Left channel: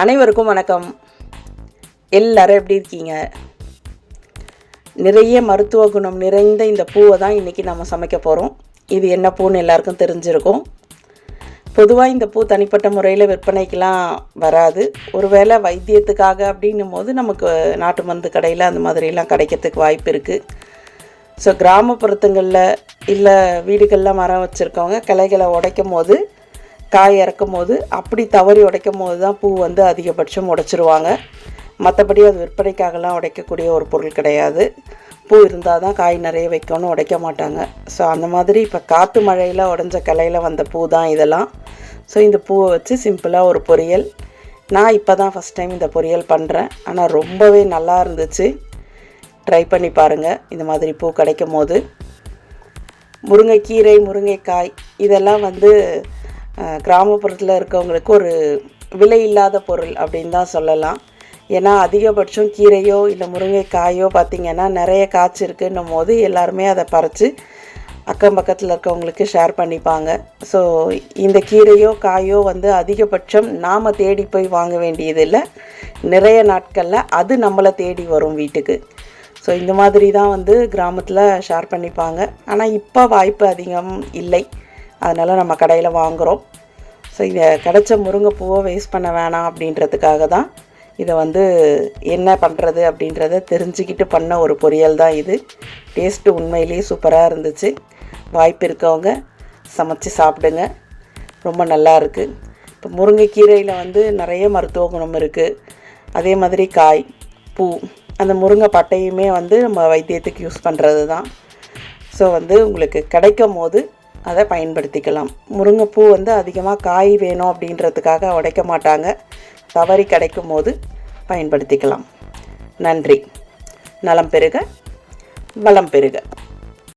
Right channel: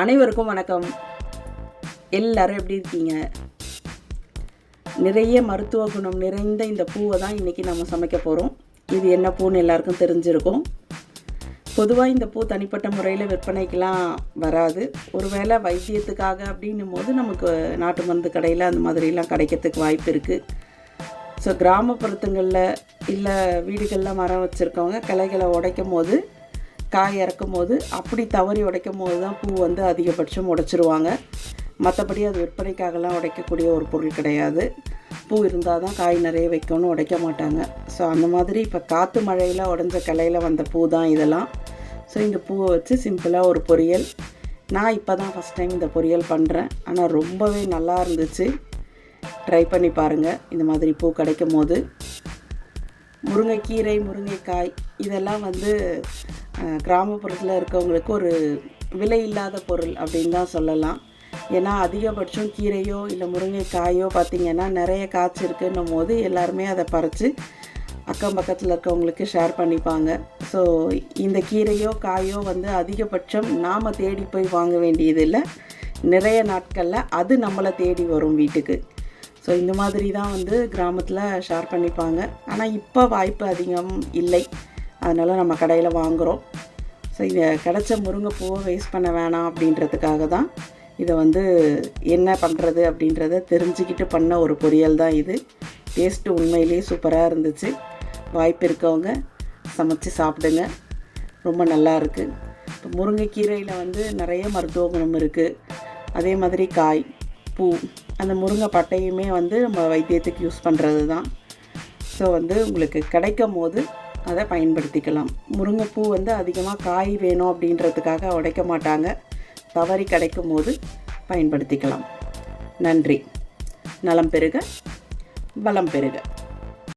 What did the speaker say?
அனைவருக்கும் வணக்கம். எல்லாரும் எப்படி இருக்கீங்க? நிறைய மருத்துவ குணம் நிறைந்த இந்த பூவை தான் இன்றைக்கி நம்ம சமைக்க போகிறோம் இது என்ன பூன்னு எல்லாருக்கும் தெரிஞ்சிருக்கும். பொதுவாக இந்த பூ தனிப்பட்ட முறையில் விற்பனைக்கெலாம் வராது. ஒருவேளை வைத்தியத்துக்காக அப்படின்னும் போது நமக்கு நாட்டு மருந்து கடையில் அந்த மாதிரிலாம் கிடைக்கிறதுக்கு வாய்ப்பு இருக்குது ஸோ கிராமப்புறத்துங்களில் இல்லை வீடுகளில் மரம் வச்சுருக்கவங்க கிளைகளை உடைக்கும் போது காய் இறக்கும் போது அப்படி தவறி உடைக்கும் போது தான் பூ வந்து அதிகபட்சம் உடைச்சிருவாங்க. மற்றபடி அது விற்பனைக்காகலாம் உடைக்கக்கூடிய ஒரு பொருள் கிடையாது. பூ இருந்தால் தான் காய் நிறைய வைக்கணும்னு உடைக்க மாட்டாங்க. ஸோ அந்த மாதிரி இப்போ காற்று மழையில் உடஞ்ச கலையில் வந்த பூ தான் இதெல்லாம். ஸோ இந்த பூவை வச்சு சிம்பிளாக ஒரு பொரியல். நான் இப்போ தான் ஃபஸ்ட் டைம் இந்த பொரியல் பண்ணுறேன் ஆனால் ரொம்பவே நல்லா இருந்துச்சு. ட்ரை பண்ணி பாருங்கள் இந்த மாதிரி பூ கிடைக்கும் போது முருங்கைக்கீரை முருங்கைக்காய் இதெல்லாம் வந்து கிராமப்புறத்தில் இருக்கவங்களுக்கு ஒரு விலை இல்லாத பொருள் அப்படின்னு தான் சொல்லலாம். ஏன்னா அதிகபட்சம் கீரையோ இல்லை முருங்கைக்காயோ பார்த்திங்கன்னா நிறைய காய்ச்சி இருக்குன்னும் போது எல்லாருமே அதை பறித்து அக்கம் பக்கத்தில் இருக்கவங்களுக்கு ஷேர் பண்ணிப்பாங்க. ஸோ இந்த கீரையோ காயோ வந்து அதிகபட்சம் நாம் தேடி போய் வாங்க வேண்டியதில்லை நிறைய நாட்களில் அது நம்மளை தேடி வரும் வீட்டுக்கு. ஸோ இந்த மாதிரி தான் வந்து கிராமத்தில் ஷேர் பண்ணிப்பாங்க. ஆனால் இப்போ வாய்ப்பு அதிகம் இல்லை. அதனால் நம்ம கடையில் வாங்குகிறோம் ஸோ இதை கிடச்ச முருங்கைப்பூவை வேஸ்ட் பண்ண வேணாம் அப்படின்றதுக்காக தான் இதை வந்து என்ன பண்ணுறது அப்படின்றத தெரிஞ்சுக்கிட்டு பண்ண ஒரு பொரியல் தான் இது. டேஸ்ட்டு உண்மையிலேயே சூப்பராக இருந்துச்சு. வாய்ப்பு இருக்கவங்க சமைச்சு சாப்பிடுங்க. ரொம்ப நல்லா இருக்குது இப்போ முருங்கைக்கீரையில் வந்து நிறைய மருத்துவ குணம் இருக்குது அதே மாதிரி காய் பூ அந்த முருங்கை பட்டையுமே வந்து நம்ம வைத்தியத்துக்கு யூஸ் பண்ணுறது தான் ஸோ வந்து உங்களுக்கு கிடைக்கும் போது அதை பயன்படுத்திக்கலாம். முருங்கைப்பூ வந்து அதிகமாக காய் வேணும் அப்படின்றதுக்காக உடைக்க மாட்டாங்க. தவறி கிடைக்கும் போது பயன்படுத்திக்கலாம். நன்றி. நலம் பெருக வளம் பெருக.